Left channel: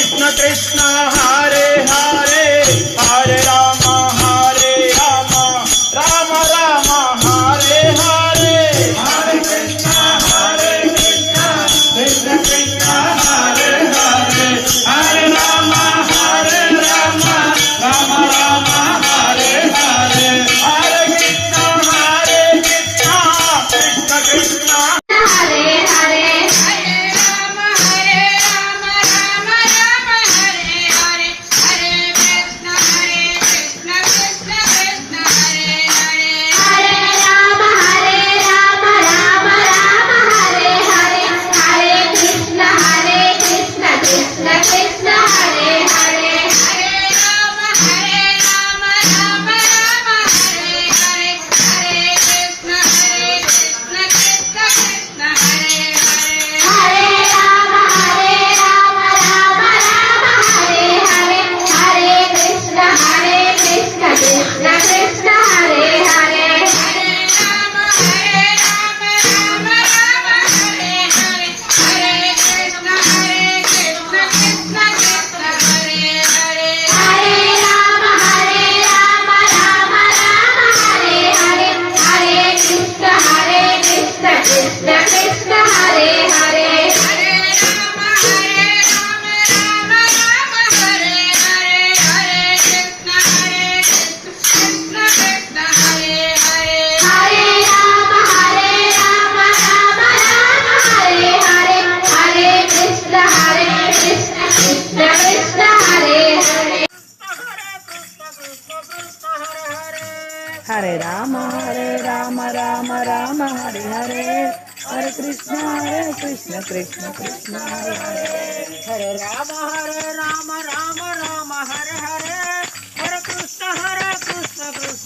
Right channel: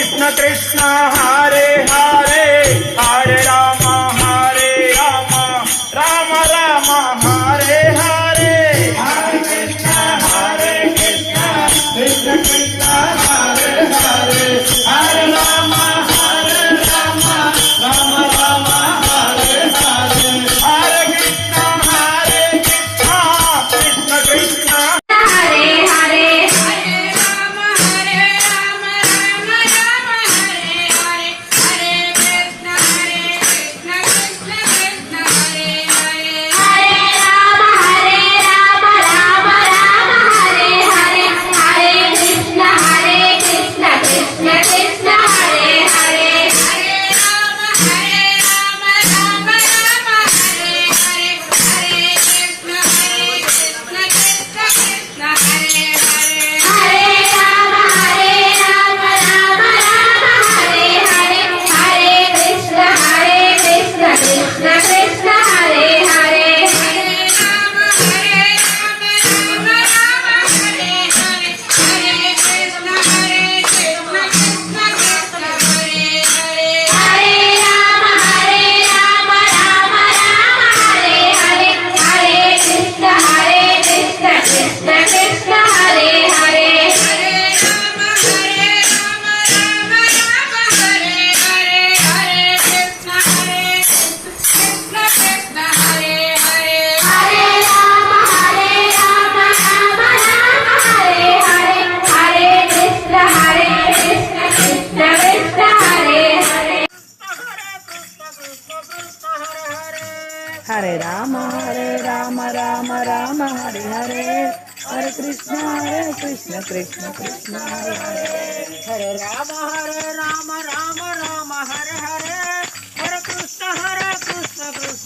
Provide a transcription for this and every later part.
Krishna Krishna Hare Hare Hare Ram Ram Ram Hare Hare Hare Krishna Krishna Krishna Hare Hare Hare Ram Ram Ram Hare Hare Hare Krishna Krishna Krishna Hare Hare Hare Ram Ram Ram Hare Hare Hare Krishna Krishna Krishna Hare Hare Hare Ram Ram Ram Hare Hare Hare Krishna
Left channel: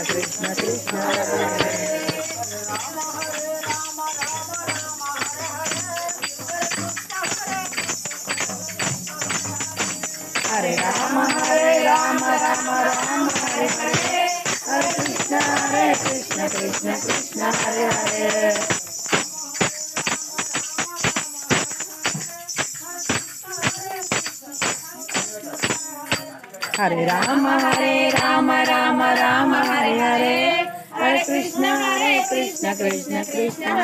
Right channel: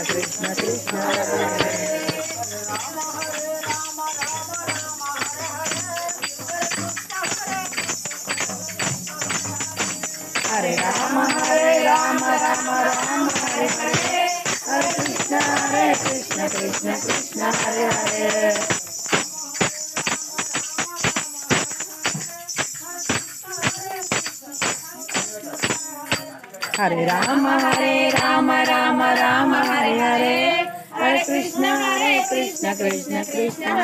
Krishna Krishna Hare Hare Hare Ram Ram Hare Hare Hare Krishna Krishna Krishna Hare Hare Hare Ram Hare Hare Hare Krishna Krishna Krishna Hare Hare Hare Ram Ram Hare Hare Hare Krishna Krishna Krishna